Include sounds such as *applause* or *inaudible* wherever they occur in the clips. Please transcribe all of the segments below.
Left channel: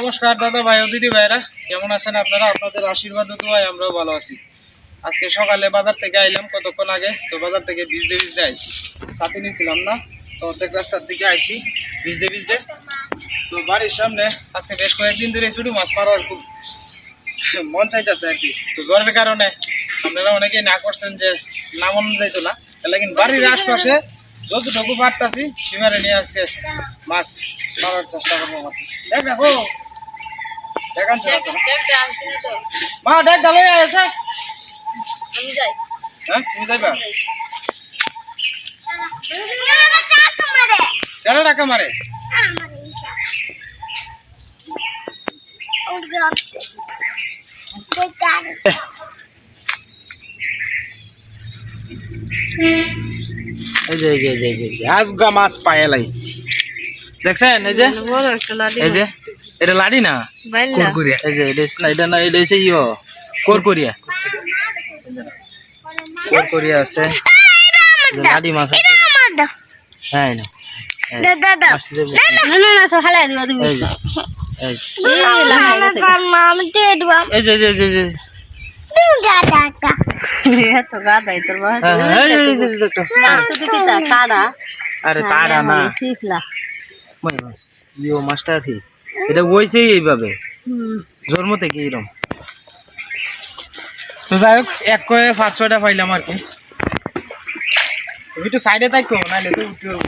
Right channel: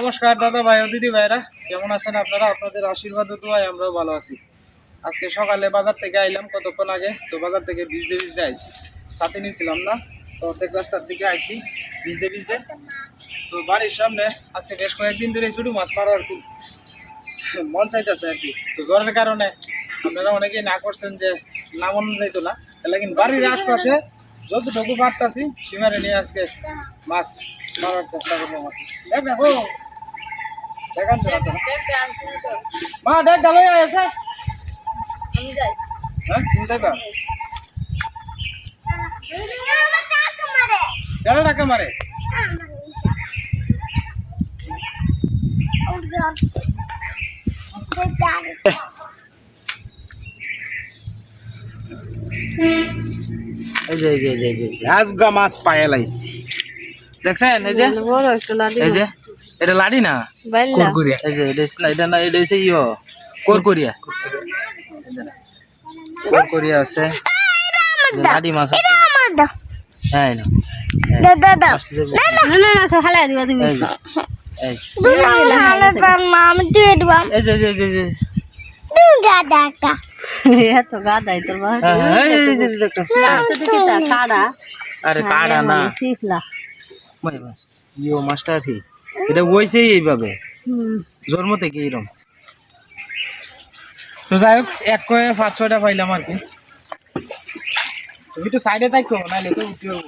নমস্কার দাদা ভাই দিদি ভাইরা। কেমন আছেন আপনারা? আপনাদের আশীর্বাদ দোয়ায় আমরাও ভালো আছি। আজকে সকালে বাজার থেকে আইলাম কতক্ষণ আগে? তো বাজার থেকে ভিজতে ভিজতে আইছি। সাথে নিয়েছিলাম না, তো অর্ধেক রাস্তার দিকে আইছি ভিজতে ভিজতে। তো বাড়ির সামনে আজকে বেশ কয়েকদিন ধরে শুধু মাছ মারার খুব মন চাইতেছে আর কি। তো জ্বরের কারণে আপনারা অনেকেই না করছেন যে নামন যাইতো না লেকিন বাড়ির আশপাশে যতটুকু পারতাছি সীমারে নিয়ে আজকে মাছ মারার চেষ্টা করব দেখো দেখান মা দেখ ডালো আছে আমি যাই। হ্যাঁ তুমি যাইবা? কেন টাকা মারে। এই যে এই যে এই যে এই যে, এই যে আজগা মাছ পায়ে লাইছি দেখছেন এই যে? এই যে? এটা লাড়ি না? কোরকুরিয়া। এই যে এটা হচ্ছে- এটা না এটা হচ্ছে ইয়ো। কোরকুরিয়া। কোরকুরিয়া আছে। লাডি মাছ আছে। হ্যাঁ। না না। না আরে কাড়া না। ইয়ো মাছটা কি এটা বইছেই এইভাবে। জন্ম থেকে এরকম তো যাই হোক এক কয়ে পাঁচ ছয়টা পাইলাম আর কি। তুমি তো সাইডে থাকো নাহলে তো উঠতে পারব।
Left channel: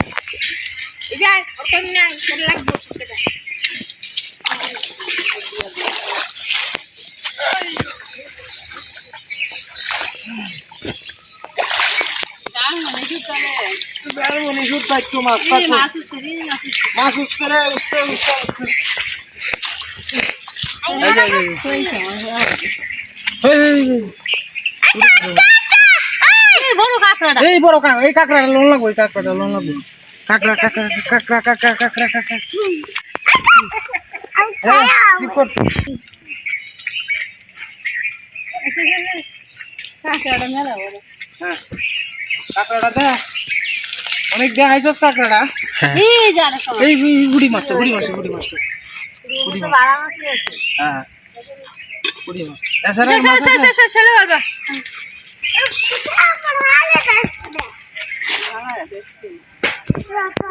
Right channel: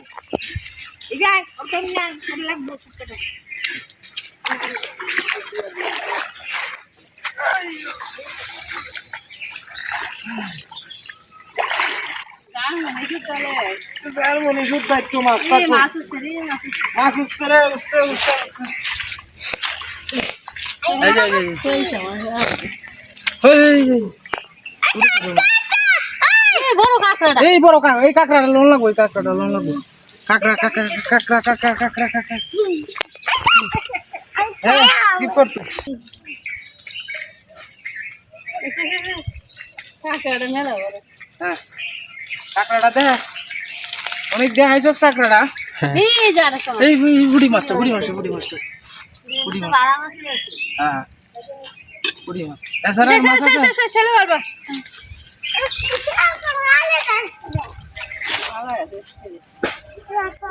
মাছ থাকতো মাছ উঠছে রে উঠছে উঠছে উঠছে। এই। বড় এই কাকড়াটা লোন লাগবো এই কাকড়াটা লোন লাগবো। কাকড়া কাকড়া কাকড়া কাকড়া কাকড়া কাকড়া। হ্যাঁ স্কিপ করতে কাঁকড়াটা মেলা বড়। হ্যাঁ। কাকড়াটা দে। অনেক দেখাইছস কাকড়াটা। এই বুড়ি মাছটা বুড়ি মাছটা বুড়ি মাছটা বুড়ি মাছ বাড়া মাছ আছে। হ্যাঁ। বুড়ি মাছ এছাড়া মাছ আছে ছেলে পারবা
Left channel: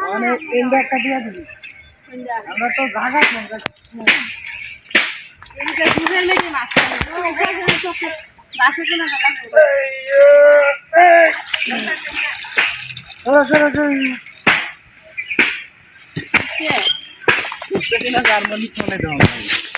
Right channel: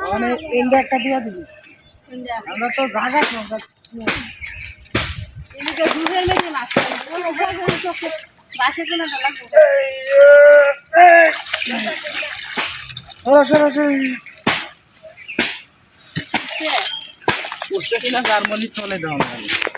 মানে এন্ডা একটা দিয়া দিবি। আমরা তো জায়গা কম এদিকে দুধের মেঝে মাছ বাসে কোনো বেলা সরো সরো সরো। উঠছে কিনা জার্মানি চলে দাও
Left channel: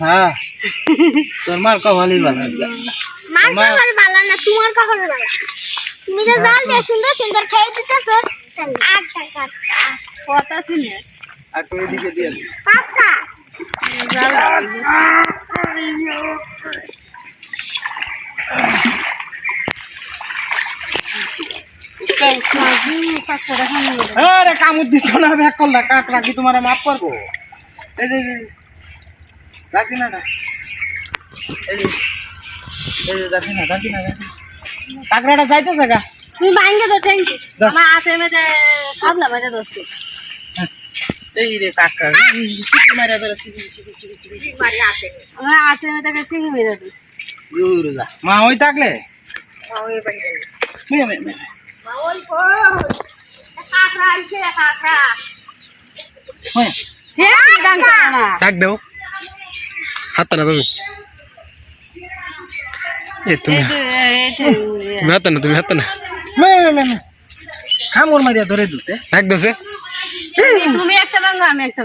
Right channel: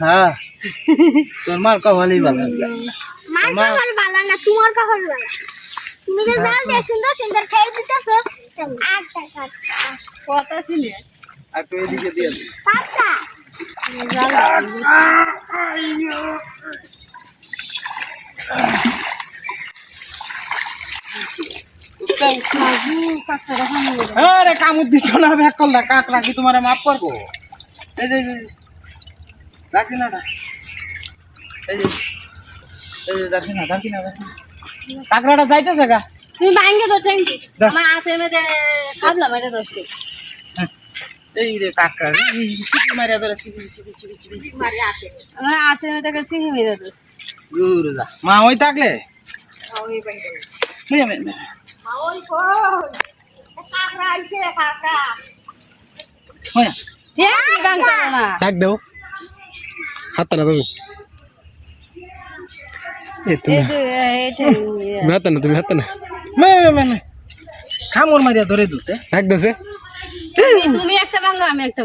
হ্যাঁ তোর মার কপালই ভালো আজকে। মা তুমি যে জাল দিয়ে সুন্দর সুন্দর খেয়ে দিতেছ আট টাকা কথা শুনে আর তুই এদিকে দিয়ে দে। পাঁচটা উস্তা, উস্তা। কামড় দিত না ব্যাক করলা কাকড়া কি তোমার মাফ করব যে এই। এই রাখি না। কাকড়াটা যাইতেছে গা। তুমি ভাঙ্গে তো দাও। আমার আছে মেয়েতে কাবলা মেয়েতে দোস্ত এই রে কাকড়া সিপি মারিয়া ধরে সিপি সিপি সিপি সিপি আমার আছে মেয়েতে সিঙ্গি মেরে দোস্ত দূর যা। মা ওই থাকলে? মেয়ে, মেয়ে, মেয়ে। কাঁকড়া আইছে কাঁকড়া। মেয়ে। ঠেঙ্কি গান না। ডাক দাও। হাত না তুমি *laughs* এ তুমি তুমি হাত না তুমি হাত না মেয়ে, মেয়ে, মেয়ে। কামড় মারিয়া ধরে দুতে সে। তুমি একটা ভাঙ্গো আমি একটা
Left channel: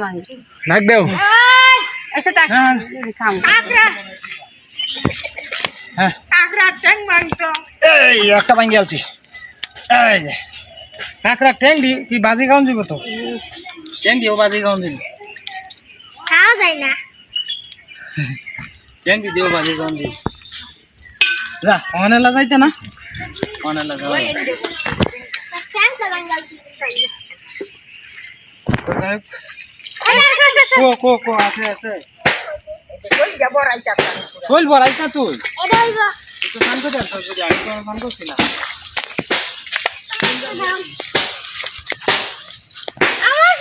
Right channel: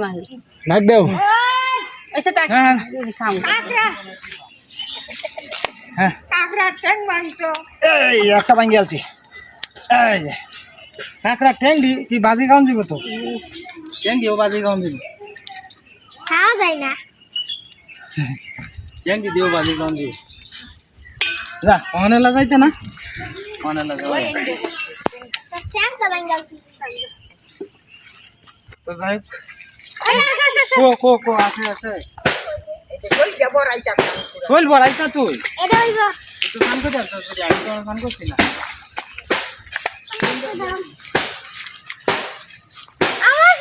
ডাক দাও। এসে হ্যাঁ খাম। হ্যাঁ। কাঁকড়া ট্যাং মাংস এই একটা ভাঙ্গি আলছি। এই যে। কাঁকড়া ট্যাং দি কি বাজি খাওয়ান দিব তো? ট্যাং দিও বাজি খাওয়ান দিব। খাওয়া যায় না। কেন ভিডিও বাজি কোন দি যা অনেলা যাইতে না? যাওয়া শ্যামটা তো যাই হোক। কো কো কো আছে আছে। কইল বড়াই তা তুই? এটা হইব তো গান করতে আসছিস যদি আমি তো করছি না। আমার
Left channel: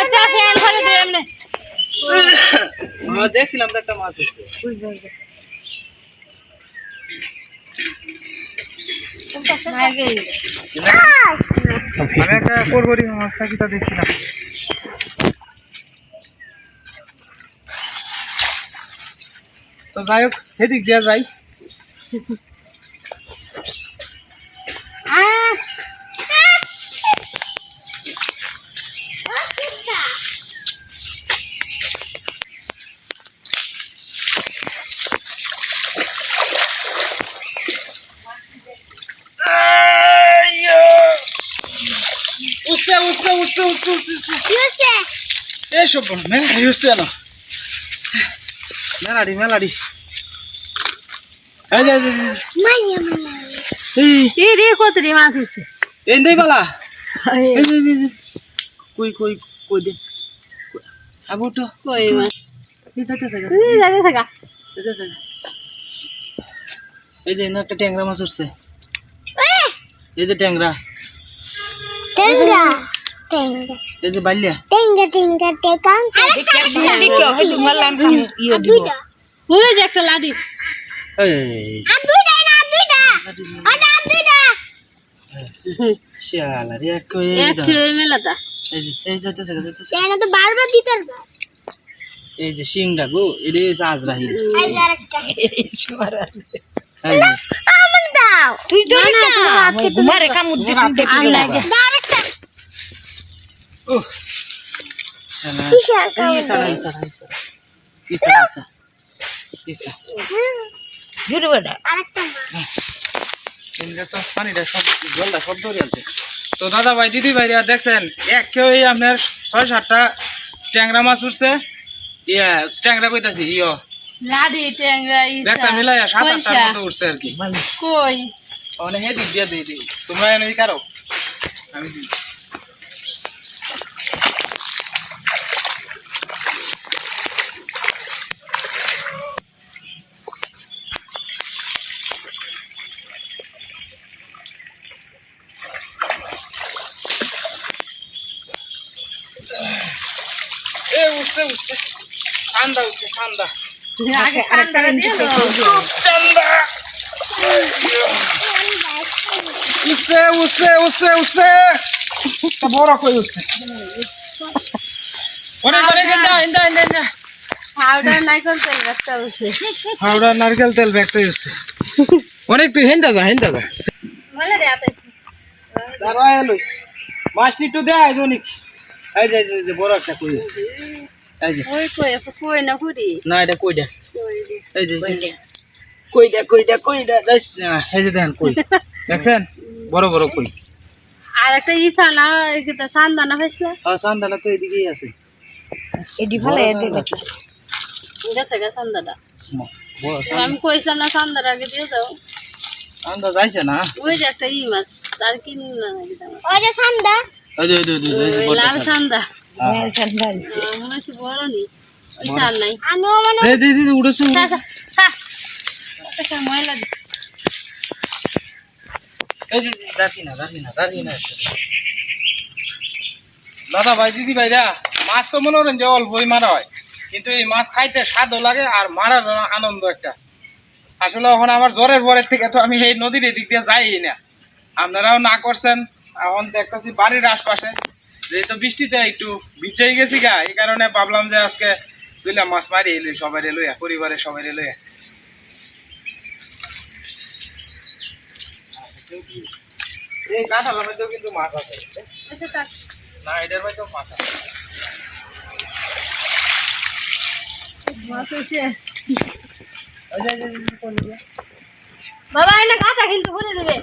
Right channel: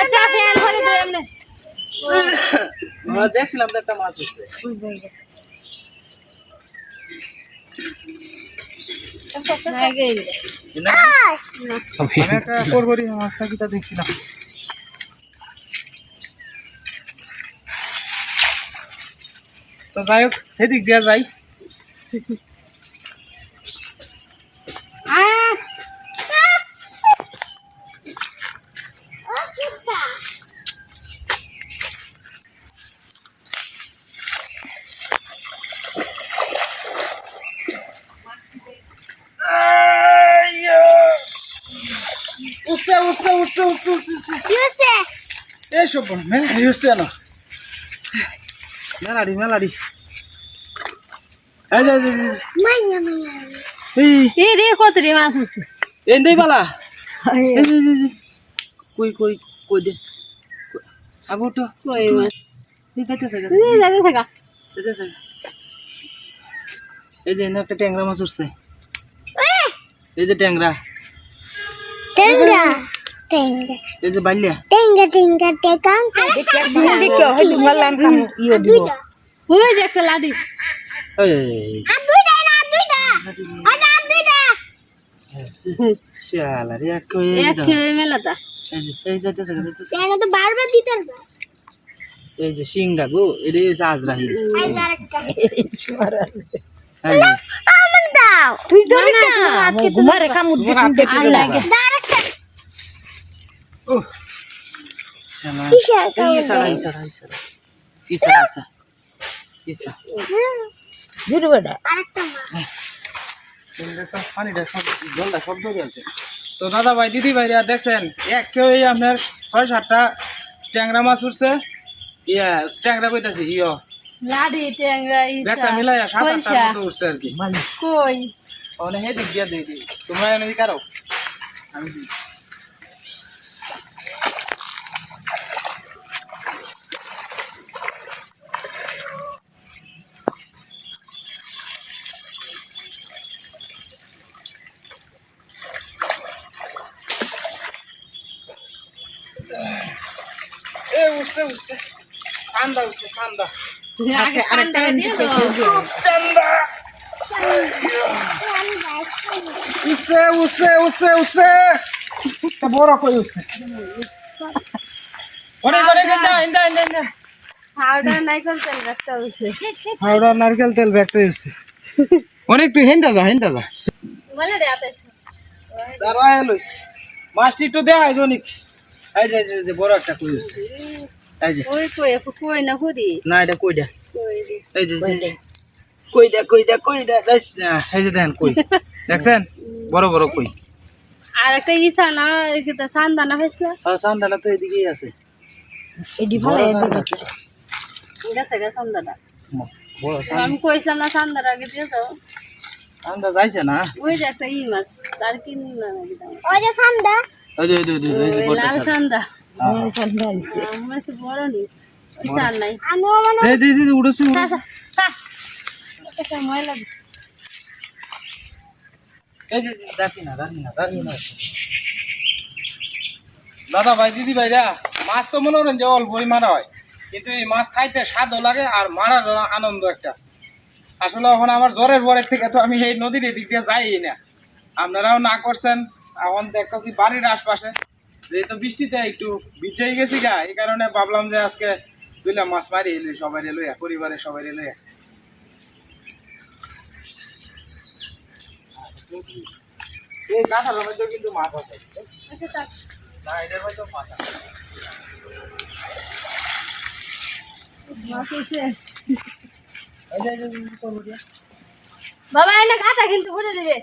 আচ্ছা ফ্যান ঘরে দে এমনি। দেখছিলাম তো একটা মাছ হচ্ছে। আমি একটা করবরি মাছটা কি তা দেখছিলাম। তো যাই হোক সেদিক দিয়ে যাই আহ উসে উসে উসে উসে উসে উসে ইউসে এই সব মেলাডি হচ্ছে না মেলাডি মেলাডি। এই যে মাইয়া মাইয়া এই। রে কতরি মাছ হচ্ছে এই নেই বালা। এই যে যে, কই কই কই দে। আগো তো কই মাছ? এই যাইতে যাইতে এই যাবে থাকা। যাইতে যাইতে এই যে এনে একটা ট্যাংরা মাছ উঠছে। এই যে ট্যাংরা। টেঙ্গা টেঙ্গা। এই যে বাল্যা টেঙ্গা টেঙ্গা টেকাং দুইটা। ওই যে একটা লাডি এই, আর দুইটা না দুইটা। আর আর দুইটা। শালা রে এক কই এক খেয়ে মেলাটা এই যে এই যাইতে যাইতে যাইতে তো বারবার দিতে পারবা। এই যে সিংড়া গো এটা আজরাহিল আই আরেকটা। আমার দাও। তুই তো না তোমার তোমার হাতে তো তো দাদা ভাই দিদি ভাইরা দেখছেন এক আপনার ছয় সাতটা ট্যাংরা মাছ উঠছে ইয়া ট্যাংরা কইতাছি ইয়ো লাডি সাত আটটার মতো উঠছে আর কি মানে দিই তোমরা এনে কারও আমি দিই এ উঠছে উঠছে সান্দা উঠছে সান্দা। উঠছে উঠছে উঠছে উঠছে বড় কই উঠছে অনেক অনেক ইন্দা ইন্দা ইন্দা ইন্দা। পাউডার নাইকল তেল রাখতে হচ্ছে হাওড়া নারকেল তেল ব্যাগতে উঠছে অনেক তুই হেন্দা যা হেন্দা যা। বলে রে আতে দাঁড়া এলোইস মাছটি একটু দেয়া হয় অনেক এই যে এই যে, বড় একটা কই উঠছে এই যে। ওই কই কই না করি না এটা কই রে? এই যে যাইস না। এই যে দেখেন কই। দেখছেন? বড় বড় কই। আর একটা ইসা না এটা সান্দা না? হইছে আর সান্দালা তো এদিকেই আছে। এটা থেকে সান্দাটা আমি কইছিলাম না সান্দার আগে দিয়ে দাও। সান্দা যাইছে না? ওই যে একটা ই মাছ তার কিন না ওই যে সান্দা। ওই যে ওই যে, ওই যে, ওই যে ওই বড়টা লাল সান্দা। সান্দা হ্যাঁ, মনে হচ্ছে বড় নি ইসার নাই। আমিও মনে এই যে এই যে, উড়েছে খা, উড়েছে খা, খা। একটা ময়লা এই যে দাঁড়ি না দাঁড়ি না দাঁড়ি না। দাদা ভাই দিদি ভাইরা মাছ তো মনে করেন যে অল্পই মারা হয়। কিন্তু এই মাছ খাইতে স্বাদও লাগে আর মারার আনন্দ একটা। আসলে এখন আমার জ্বরের পরের থেকে তো আমি এই নদীর এদিক দিয়ে যাই না। আপনারাও না করছেন এখন দেখতেছি বাড়ির আশপাশে। যেহেতু বৃষ্টিতে একটু ভিজেই গেছি গা এই কারণে ভাবলাম যে আজকে দুইলা মাছ মারি এলুই সবাই এলুয়া পরিবারের সবাই এলুয়া এই কাঁঠালের মধ্যেও কিন্তু মাছ আছে। না এটার মধ্যেও মাছ আছে। বাবা এনে কাঁচা কিন্তু ঘুরে দিবে।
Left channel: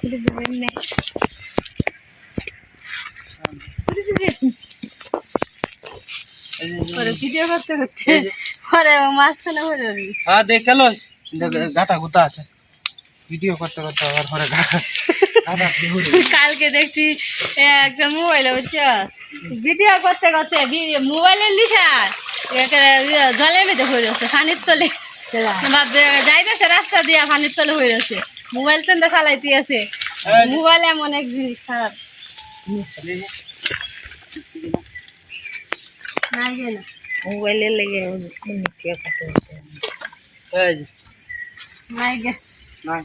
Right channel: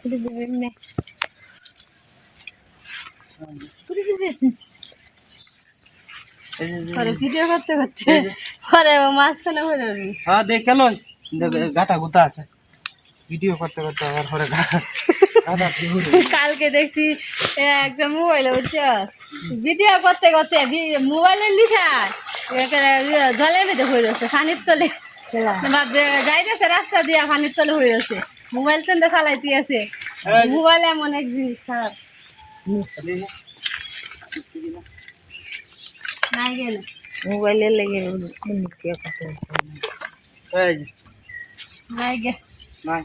ভিডিও করতে করতে। মাঝখানে হয়ে হ্যাঁ দেখ কেন গাতা গুতা আছে। ভিডিও করতে করতে আবার ঘরে গা- গাতা দিয়ে ঘুরে। কালকে দেখছি একটা মোবাইলে বুঝছ? ভিডিও করতে করতে মোবাইলের লিসার জলের মধ্যে হয়ে রয়েছে পানির তলে। যাইতেছে রাস্তা দিয়ে পানির তলে হয়ে রয়েছে মোবাইল তো চালাইতে আছে। মোবাইল এমন এক জিনিস খারাপ। নাই গেল মোবাইলের লেগে।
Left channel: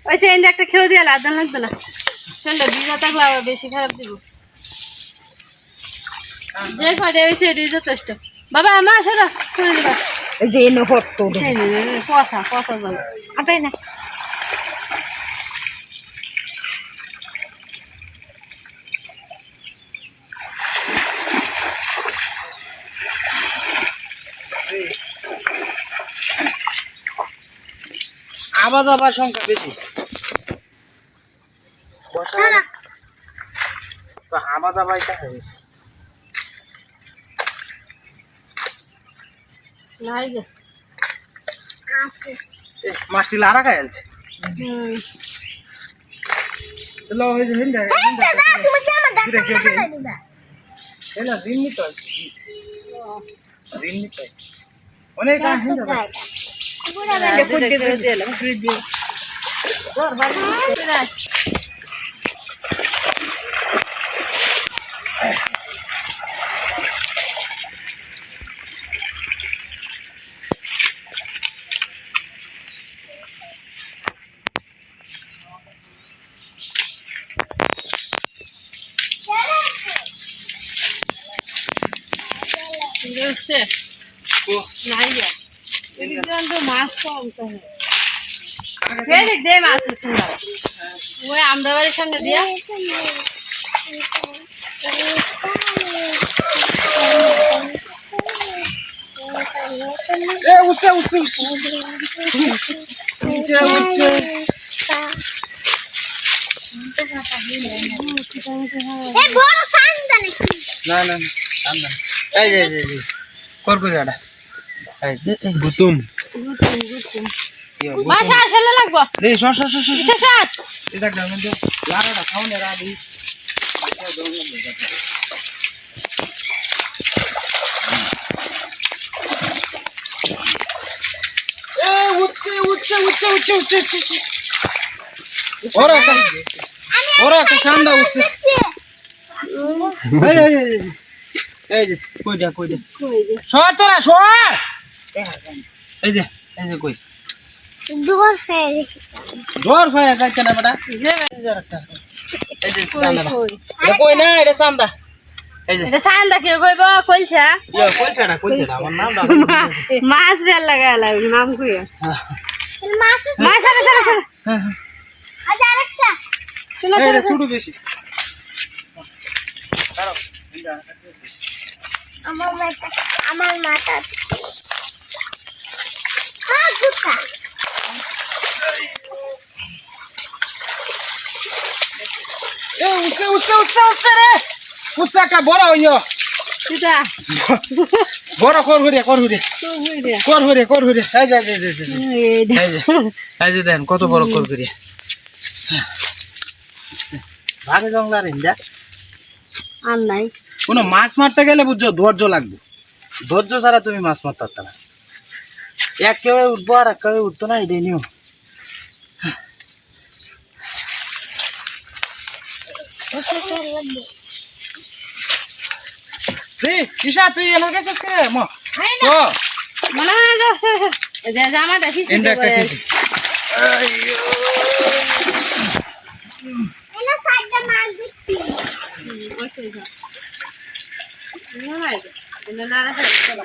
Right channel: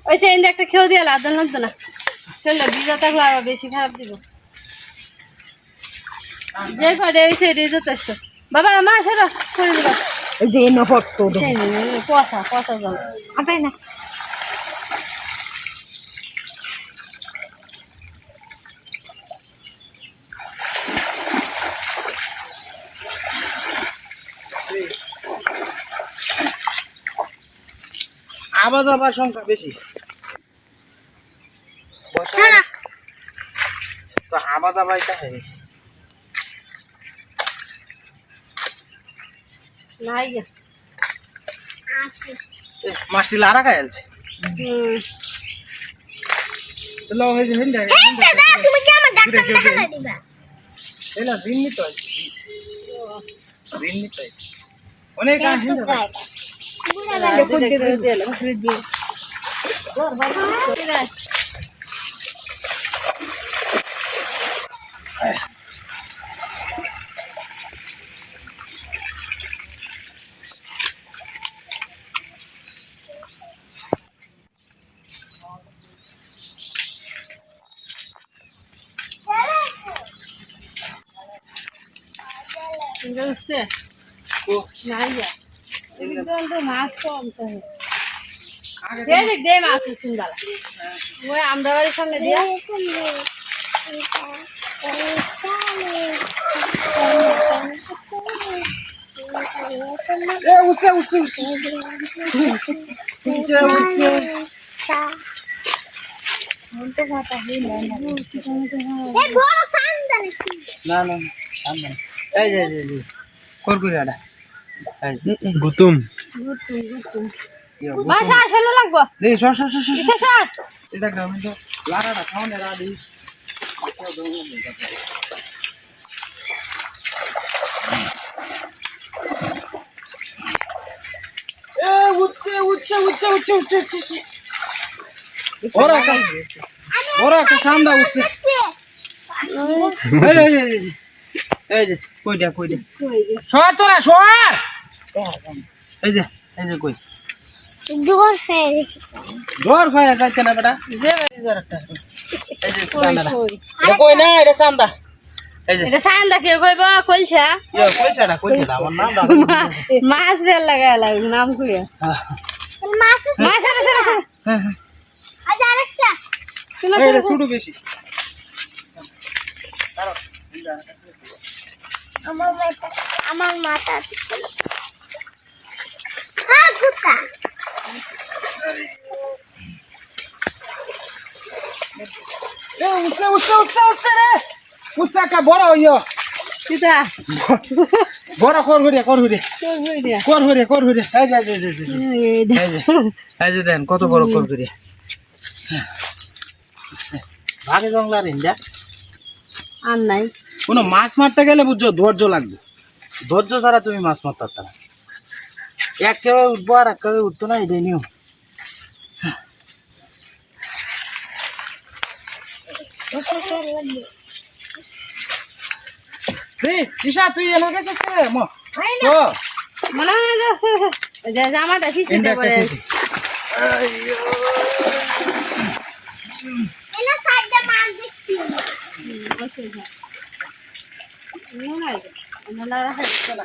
ওই চেঞ্জ একটা খেয়ে দিয়ে আদান লাগতো না চলে ভিজা থাকলে আরও বেশি খারাপ দিব যে কটে হয়েছে এটাই যথেষ্ট বাবা মা সেটা করে দিবা এই যে এনে সেই পচা পচা জল আটাই না আবার যাবার সংখ্যা বেশি। তো আবা যাবা এটা বেশি মাছটি লারা খাই আছে অনেক আ হিন্দা ভাই বুঝছে ও নাই গে হিন্দা তো মাছ কম তো দেখ দে মাছ সুন্দর। ওই আমরা বাড়ির সামনে দিয়া। এ উসে উসে উসে উঠছে না না না, আম না। এই যে এই যে, কর করি যে, গুতুম বাসা আসলে লাগবো। এই সর সর সর সর লারাটা খাওনে রাদি এ উচ্চে উচ্চে উচ্চে উচ্চে উচ্চে উচ্চে ওরা একটা ওরা একটা সান্দা উঠছে। এই এই এই যে, এই যে কই দে কই দে সর তোরা সর! এই যে এই যে কই? দুবার হয়ে গেছে। ডর ফায়া যাচ্ছে না বেটা। যে এই যে একটা। এই যে সান্দা এটা কই? না এটা সান্দা। এই যে। এটা সান্দা কে কইবা ইয়া কইছাটা কইছাটা আমার নাম দাও মাছ বেল লাগা লাগবে নাম কইয়া। মাছ মাছ আসলে আসলে আসলে আজ আরেকটা। তুমি শুরু বেশি। আমার মাথা আমার মাথা হ্যাঁ গুতা উসে উসে উসে উসে রে উসা কা বড় কর কত বড় আর নাই। কোনো মাছ মারতে গেলে বুঝছ ধৈর্য লাগবে। ধৈর্য ছাড়া তুমি মাছ মারতে পারতে না। এক কেউ উঠবো আর এক কেউ উঠতো না এটাই নিও তুই ঈশা তুই এনে গেছিস কে? ম। তো মনে হয় যে আসে, আসে। এই যে জামাটা একটা পরে। খেতে এনা সাইডে মাছ দেখছি মনে হয় যে, এন্ডা না রাখে চলা।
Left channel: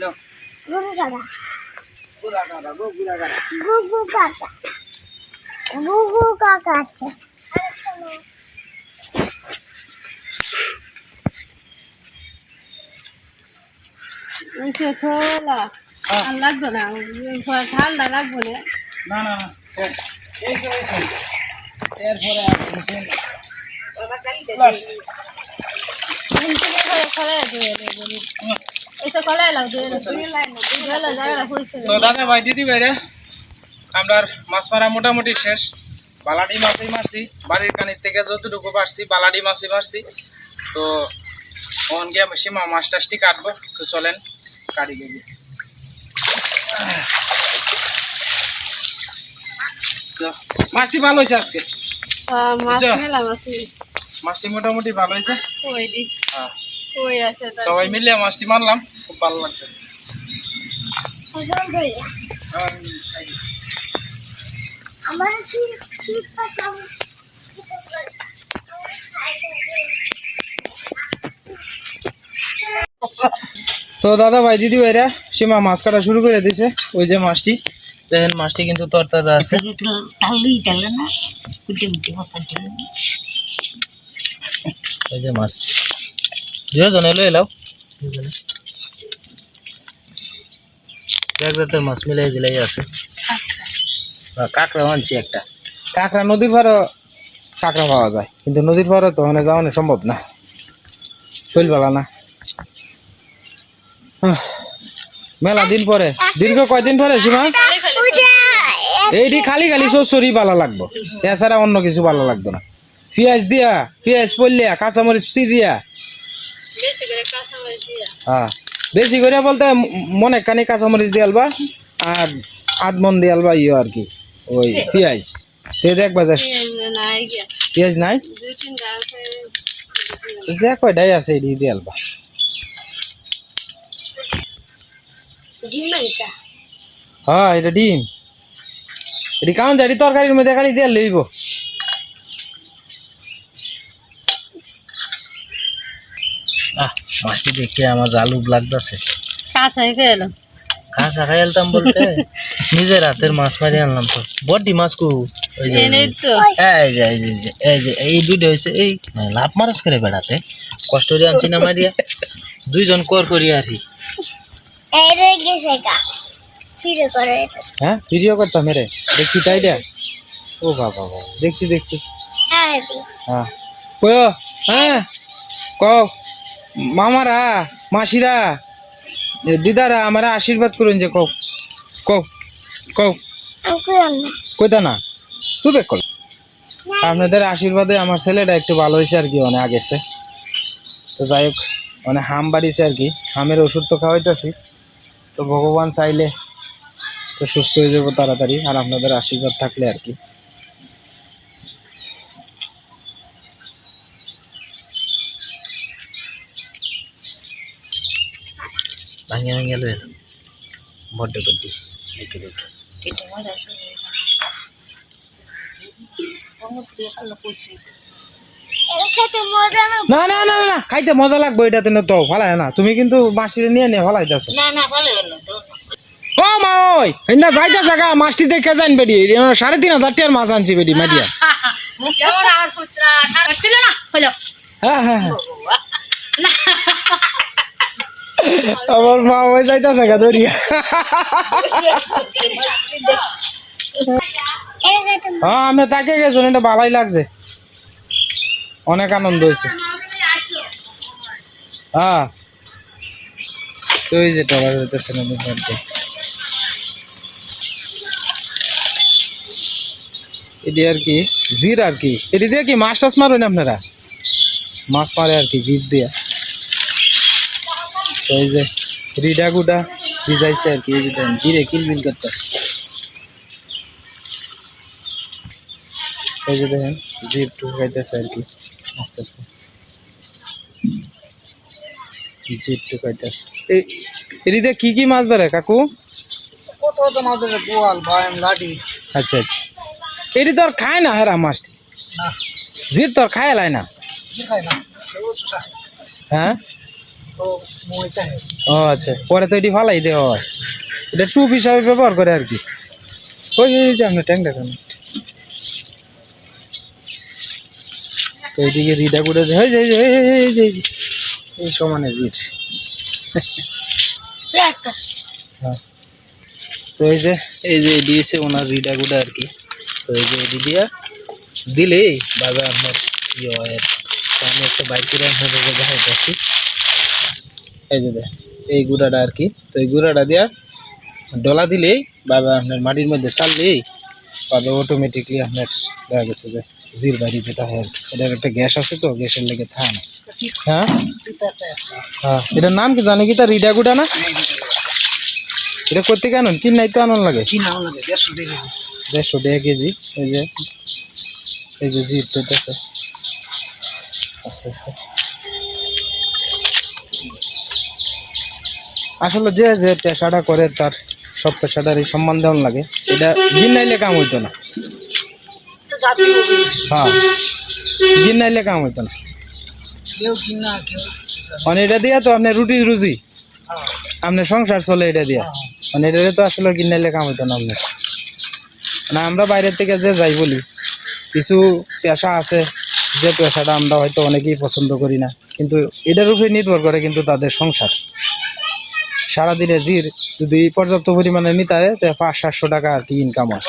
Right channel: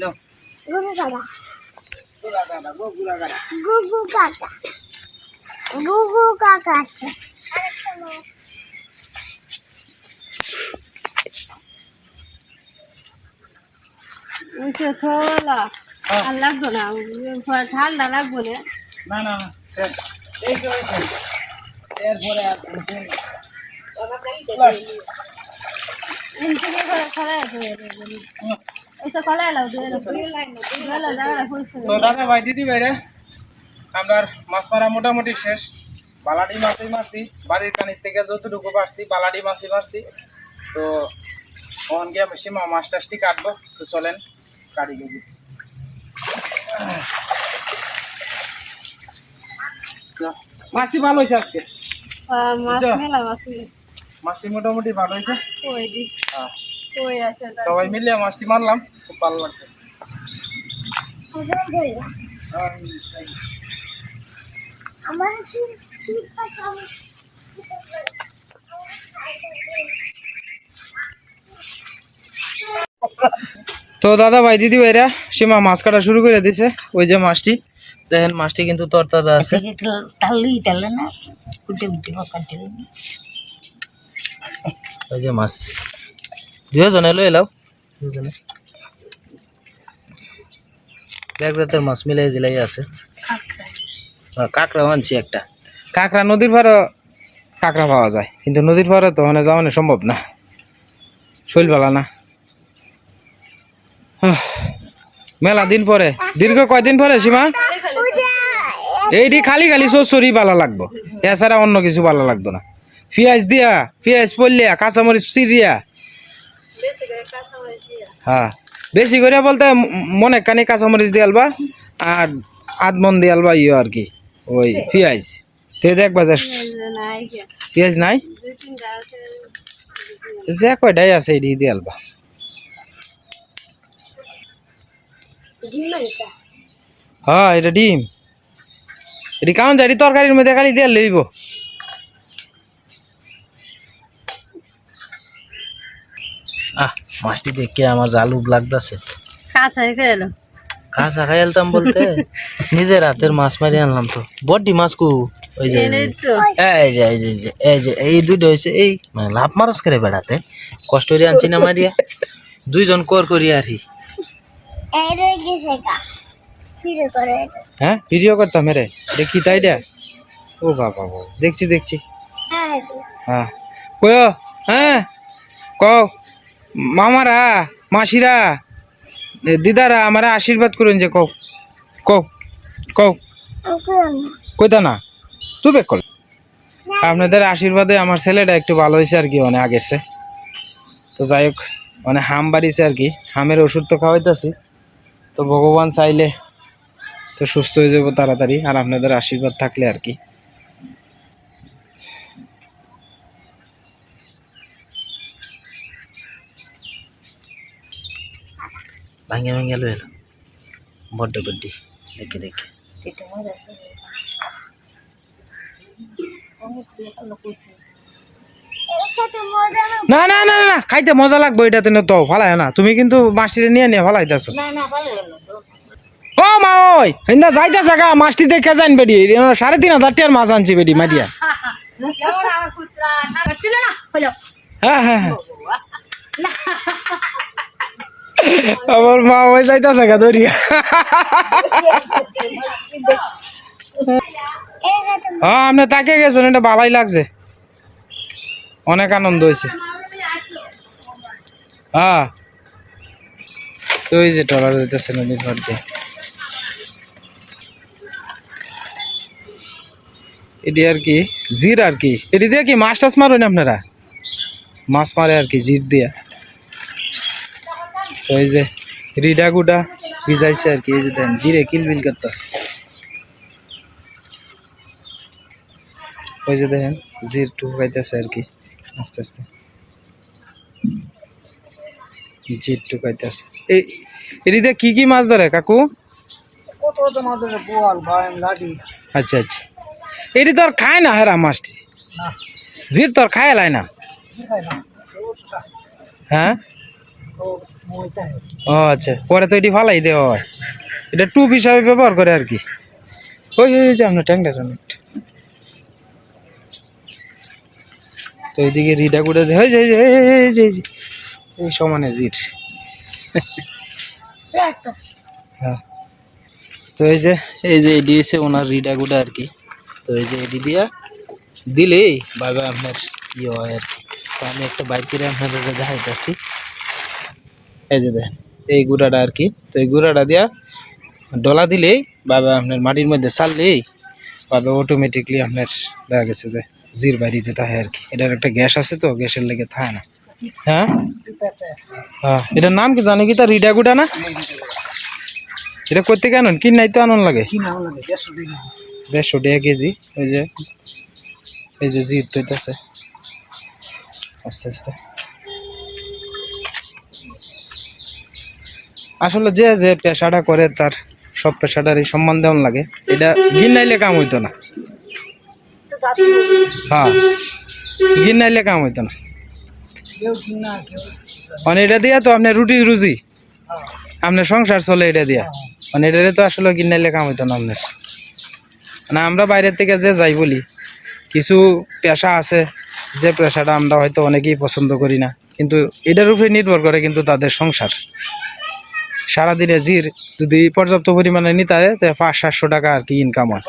নাও। ওইসে থোলা হ্যাঁ। আর লাগবো না ঠান্ডা লাগবো না না না এই তো। ভাই, দিদি ভাইরে আমরা মাছ মারা মোটামুটি শেষ। বালাডি মাছই মারছি, বাড়ির কানির থেকে যতটুকু পারছি, বালাডি মাছই মারছি। তো ওখান গিয়ে সীমা মাছ টাছটি কাটবো, তো চলেন কাটি গিয়ে মাছটি ভালো হয়েছে আজকে। মাছ মেলা মাছ মাছটি মোটামুটি ভালো হয়েছে? কই দি? হ্যাঁ। কই আছে সবাই মিলে মাছটি মারলাম খুব ভালো লাগছে। আমার কি কি পাতাম তো দাদা ভাই দিদি ভাইরা সীমা মাছ কাটা শুরু করে দিছে ওই যে মাছটি। দেখেন মাছটি কিন্তু তরতাজা আছে। তাহলেই তাহলে না কুটে কুটে ওই যে মাছ। দুজনে লই এলাও দুজনে এক জাতের মাছ মিলাই জিলাই আছে। কাঁকড়া। আনছি একটা। কাঁকড়া নদীর পাড়ে কাঁকড়া পাওয়া যায় কিন্তু নদীর পাড়ে তো ওখানে যাওয়ানো সম্ভব না। শৈল বেলা না মেলা দিন পরে দীর্ঘ কয়দিন পরে সীমা? এইটি খালি খালি চচ্চড়ি ভালো লাগবো। এছাড়া অন্য কিছু ভালো লাগতো না। পেঁয়াজ দিয়া পেঁয়াজ পড়লিয়া কাঁচামরিচ চিরিয়া কাঁচা হ্যাঁ বেশি করে বলতে মনে কানি কাঁচামরিচ দিয়ে আলবা আর আধ মন দিয়ে আলবা ইয়ে আর কি ওই পেঁয়াজ। তে দেখবা যে পেঁয়াজ নাই যে কয়টাই আছে এটি দিয়ে আলবা। ডিম নাইকা হ্যাঁ এটা ডিম। এটি কেমন যাই তরকারির মধ্যে খালি দিয়ে লইব আহ মাছটি দেখে আমার জালুব লাগতেছে। কাঁচা খাই আলতাম বলতে? নিজের হাতের মাছ মারি আনলাম তো। বড্ডি মাছ কু? ওই যে এই যে এই যে এই যে এই দুইটা হয়েছে এই মানে লাভ মারস করে বেড়াতে। কষ্ট করে আনছি না মারিয়া। দুইজন কর করি আর কি। হ্যাঁ? ভিডিও করতাম মেরে দেখি তাই দেয়া ও বাবা বাবা। দেখছি দেখছি। হ্যাঁ হ্যাঁ কয়? হ্যাঁ? কও। মামারা মাসিরা দিদারা আমারা আশীর্বাদ করুন যে কও। কও কও। কইতা না? তুই বেক কর। আপনাদের আশীর্বাদে আমার ছেলেটা একটু ভালো হয়েছে আর কি মানে আগের চেয়ে। তো যাই হোক মানে হাম বাড়িছে আর কি। হামের ওষুধ তো খাওয়াইতেছি। তো ভগবান চাইলে তো সুস্থ হয়ে যাব তাড়াতাড়ি আর আপনাদের আশীর্বাদ থাকলে আর কি। ভাঙে ভাঙে লো এলো। বড্ড বড্ডি দেখে দেখে। না না না না না, না খাইতে মজা লাগবে এটা তো তো ফালাই না। তুমি কিন্তু মাছটি নিয়ে নিয়ে ফালাইতেছো। না না মা ওই হিন্দা মাছটি দেখে যান বেডি সাড়ে তিন হাজার টিয়ার মাছ আনছি বেডি, মাটিয়া। হ্যাঁ হ্যাঁ হ্যাঁ। আমার মা ওই ধরিয়া। হ্যাঁ আমি তাকে গেছো এটা ভালোই লাগছে। অনেক আনন্দ হয়েছে। হ্যাঁ। তো ওই যে টলার হইতেছে নদীর পাড় এটি আর কি জির আর কি। এটি দিয়ে কি মাছ টাছ মারেন আপনারা? মাছ মারে আর কি জির দিয়া। তো এই যে রিডা গুডা ভিজাইছে আর কি এই যে দেন জিরে কিলবিল করতেছে। ওই যে দেখেন জির টু খাইতেছে আর কি আস্তে আস্তে। জির টু খাইতেছে। এই এদিকে কি কি মাছ ধরে কাকু? কত কত মাছ ধরে বোয়াল ভাইম আচ্ছা আচ্ছা। এটি তো আর খায় না হেরা মাছটি না। জির তোর খায় লাই না। হ্যাঁ? হয়। ও আচ্ছা। পরে তো এটি ফালাই দেওয়া হয়। এটা টুপ হিসাবে ব্যবহার করে আর কি। ওই ওই যে আপনার ট্যাংটা তো এইদিকে রিডা কুড়ে দেয় এই যে এই যে, এই যে, এই যে, এই যে। এই সমানে জিট হ্যাঁ। তো এই যে এই যে দিয়েছে ওনার রিডা গুডা আর কি। তো এই যে এটি দিয়া দিলেই বাবা আপনার ইয়ে হয়। আর তো আমি একটা বাইক করে আপনাদের দেখাইতেছি এই যে দেখ এই গুঁড়াটা আর কি। তো এই গুঁড়াটা দিয়া ডলা দিলেই বাবা আপনার মাটির মধ্যে চাললেই বাবা অটোমেটিকলি আপনার দেখা গেছে যে জির বাড়িতে থাকে আর কি। এটার একটা গ্যাস আছে তো গ্যাসের লেগে থাকে না। হ্যাঁ? হ্যাঁ। এটার নাম কি জানি কি তার? রিডা গুড়া না? এটা করতে কেন? কি নাই তো আনন্দ লাগে। দেড়শো টাকা দেড়শো কেজি। ওই যে এই যে জির তৈতেছে আস্তে আস্তে। আসলে যে যে পেশাটা করে তার সব পেশাটারই সম্মান দেওয়ান লাগে। এটা গিন্নাইলে কাম হইতো না। হ্যাঁ গিন্নাইলে কাম হইতো না। মানে এটা দিয়া তো আপনার রুটি রুজি। হ্যাঁ। আপনার সংসার চলে এটা দিয়া। হ্যাঁ। মানে এটা তো আসলে গিন্নাইলে কাম হইতো না আপনার। মানে আমরা বাইরের থেকে যে যাই বলি কিছু পেশা আছে যে পেশাটা আমরা হয়তো অনেকেই পছন্দ করি না। কিন্তু এটার উপরে নির্ভর করে কিন্তু তাদের সংসার। সারাদিনে জির যদি পর্যাপ্ত পরিমাণে নিতে হয় তো পাঁচ সাতশো টাকা আর কি ইনকাম হয়।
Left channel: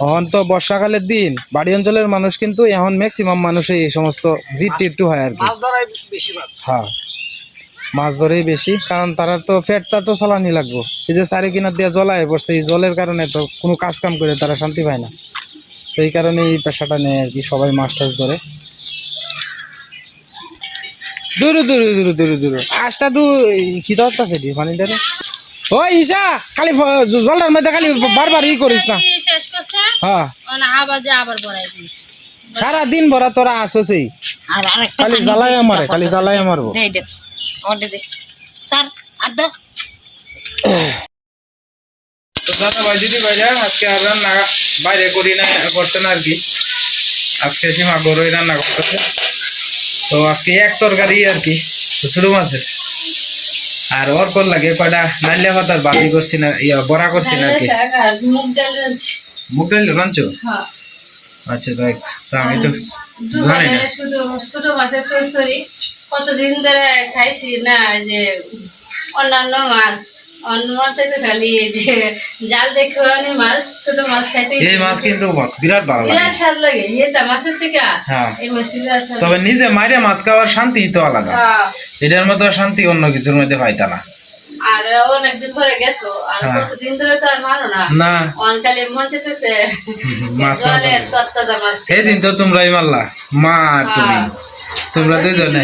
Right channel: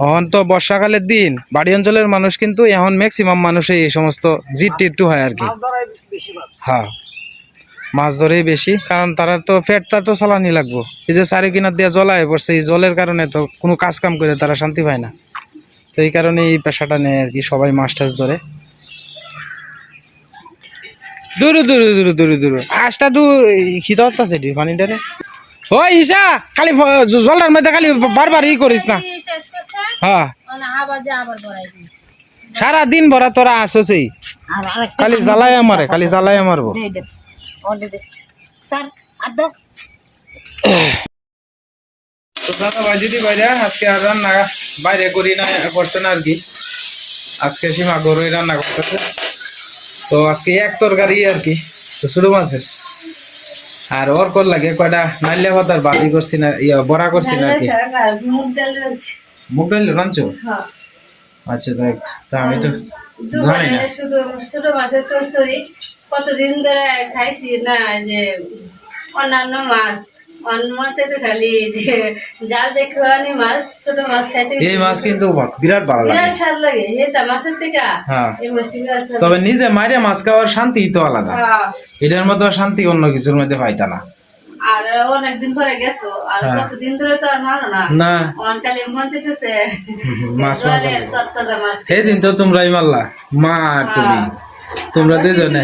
এখন তো বর্ষাকালের দিন বাড়ি অঞ্চলের মানুষ কিন্তু এখন ম্যাক্সিমাম মানুষই এই সমস্ত জিট টিট্টু হয় আর কি। হ্যাঁ। মাছ ধরেই বেশি কারণ তারা তো পেটটা তো চালানি লাগবো। এই যে চারি কিনার দিয়ে জলায় পড়ছে এই জলের কারণে তো কোনো কাজ কাম করে তারা শান্তি পায় না। তো এই কারণে এই পেশাটা নেয় আর কি সবাই মাছ টাছ ধরে। দূরু দূরু দূরু দূরু দূরু। আজটা দু খিদা আছে ডি ও ঈশা খালি ফ- জ- জলটার মধ্যে খালি বারবার ই করিস না। হ্যাঁ। সারা দিন ভরা তোরা আরেকটা খালি জ্বালাই আমারে খালি জ্বালাই মারবো দে দে স্যার আর দাও। তো দাদা ভাই দিদি ভাইরা আজকে আর রান্না বাইরে করি না করছে না আর কি। আজকে সীমা গরুই রান্না করতেছে। তো আজকে এক তরকারি আর কি তো মাছের। আর ওর কর লাগে কয়টা? নাইলে ভাতার বাজি করছি না ইয়া বড়া করছি না আর কি। মুগ ডাল রাঁধছি। মুগ ডাল রাঁধছো? হ্যাঁ। আচ্ছা যাই তো আমি তো জানি না। শুধু ছোট মাছের চচ্চড়ি কতদিন ধরে খাইছি না যে অন্যান্য মাছ অন্য মাছ চাইতে খালি যে জাল দেখে আমি মাছ ছোট মাছ খাইতে এই মাছ কিন্তু বিরাট ভালো লাগে। বিরাট স্বাদ লাগে এটা মাছের থেকে। হ্যাঁ। এই মাছটি তবে নিজে মাইরে মাছ খাওয়ার শান্তি তো আলাদা। হ্যাঁ। এটার মতো শান্তি অন্য কিছুর মধ্যে পাইতা না। আর অনেকদিন পরে গেছো আর হ্যাঁ। কতদিন ধরে তো আর মারো না। না। অনকালে মন চেতেছে মাছ মাছ সেদিন তো তোমরাই মারলা। মা তুমি। তোমরা দুজনে।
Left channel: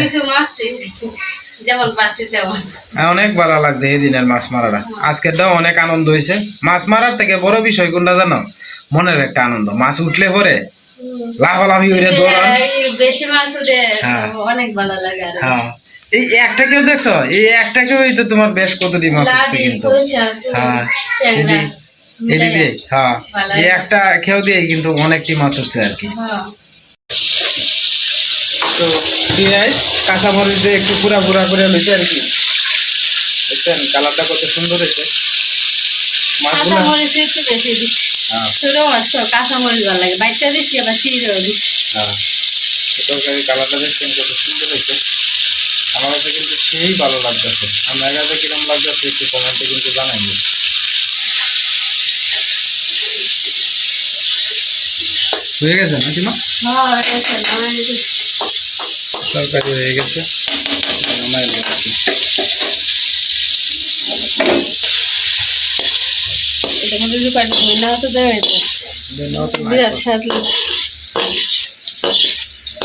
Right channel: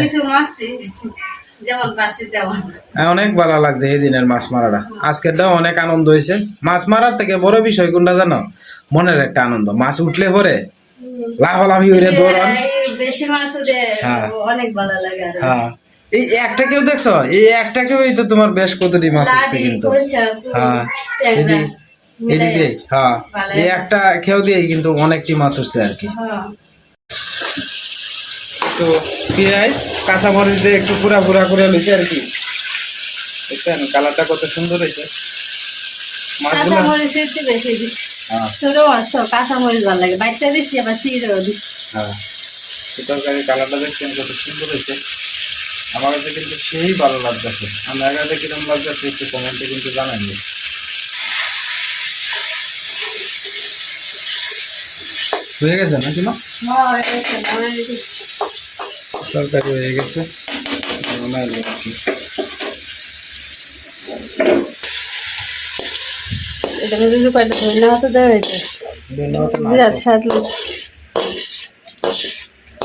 অনেক ভালো লাগছে এই দিনের মাছ মারাটা। আজকেরটাও অনেক আনন্দ হয়েছে। মাছ মারার থেকে বড় বিষয় কোনটা জানো? মনের একটা আনন্দ। মাছ উঠলে পরে লাফালাফি দৌড়ান এই বেশি মাছ উঠে হ্যাঁ। অনেক ভালো লাগে হ্যাঁ। এই একটা কেউ দেখছ? এই একটা কেউ তো তোমার বেশ কতটি মাছ উঠছে লাডি, কিন্তু। হ্যাঁ। এটি হ্যাঁ। এই একটা খেয়েও দিয়ে কিন্তু অনেকটি মাছ উঠছে আর কি। হ্যাঁ। তো পেঁয়াজ কাঁচা মরিচ দিয়ে একটু পুরা পুরা করে লইছে আর কি। দেখছেন কালারটা কত সুন্দর হয়েছে। মাছগুলো কাঁচামরিচ। হ্যাঁ। কাঁচামরিচ হ্যাঁ। তরকারি কালারটা দেখছেন কত সুন্দর হয়েছে। আমার কাছে কিন্তু সেই ভালো লাগতেছে। আমার কাছে লাগতেছে একটু কমেন্টে কিন্তু জানাইনি হয়ে গেছে নাকি মা? হ্যাঁ। তরকারি হয়ে গেছে।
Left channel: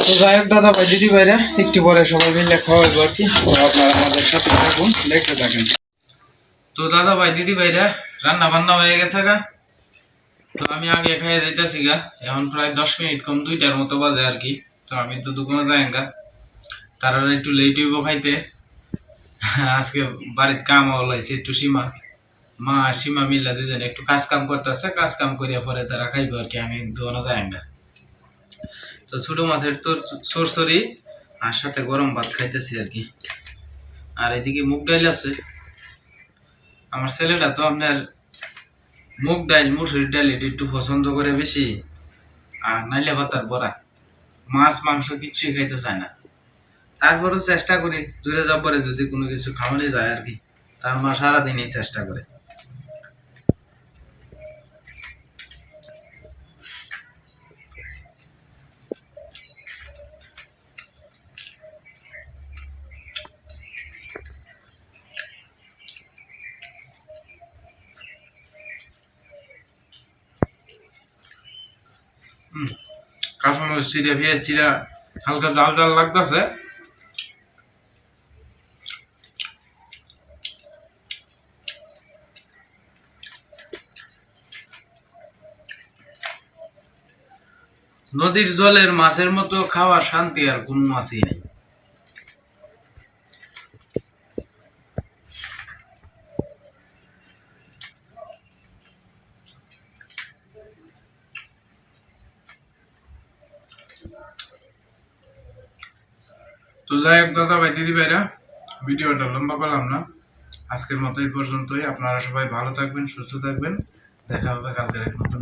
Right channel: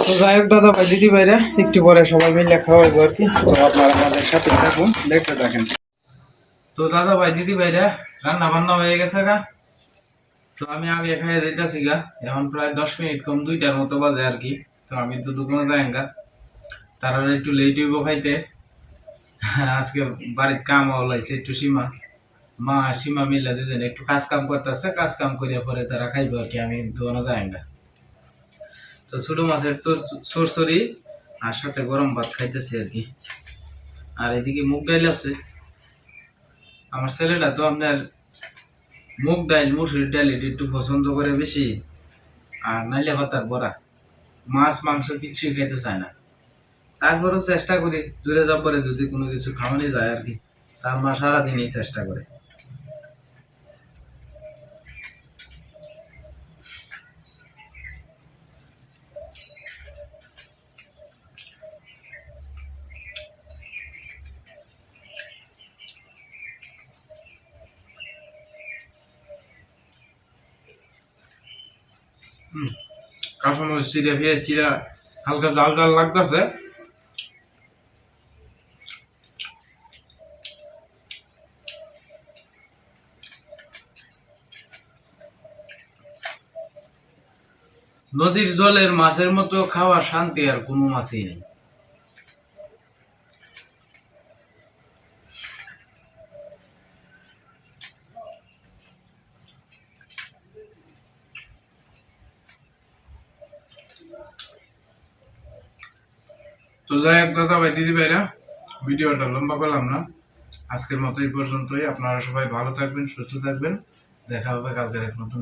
তো দাদা ভাই, দিদি ভাইরা সাথে থাকুন থাকেন। তো দাদা ভাই, দিদি রান্না বান্না হয়ে গেছে গা। তো আমি আগে এখানে যেতেছি গা। এখন প্রায় দশ মিনিট কম, দুইটার মতো বাজে আর কি। তো আমি তো দোকানে যাই গা। তারা একটু লেট হইব খাইতে। আজকে বাড়িতে কাম হলাইছে একটু সীমা। মা সীমা মিল্লা দুজনে একটু কাজ কাম করতেছে কাজ কাম করিয়া পরে তারা খাইব আর কি, আমি দোকানে যাই না। তো ছোট মাছের তোর সরসরি আর সাথে গরম ভাত খাইতেছি আর কি। আর এদিকে মুগ ডাইল আছে। আমার ছেলেটা তো আপনার মুগ ডাইল মুসুরির ডাইল এটা একটু পছন্দ করে বেশি। আর নাইলে ভাতার বড়া। মাছ, মাংস কিছুই খাইতে চায় না। তারপরেও চেষ্টা করি, দূরে যাবার যদি কোনো কিছু খাওয়ানো যায় আর কি, তার মা সারাদিনই চেষ্টা করে। কাঁচামরিচ চিড়ে পেঁয়াজ চিড়া হালকা জাল জাল লাগতেছে। নদীর জলের মাছের মতো খাওয়ার শান্তি আর কোনো মাছই নেই। তো যাই হোক দাদা ভাই দিদি ভাইরা ভিডিওটা লম্বা করলাম না। আজকের মতো এই পর্যন্তই। আপনারা সবাই ভালো থাকবেন, সুস্থ থাকবেন। দেখা হবে কালকের এক নতুন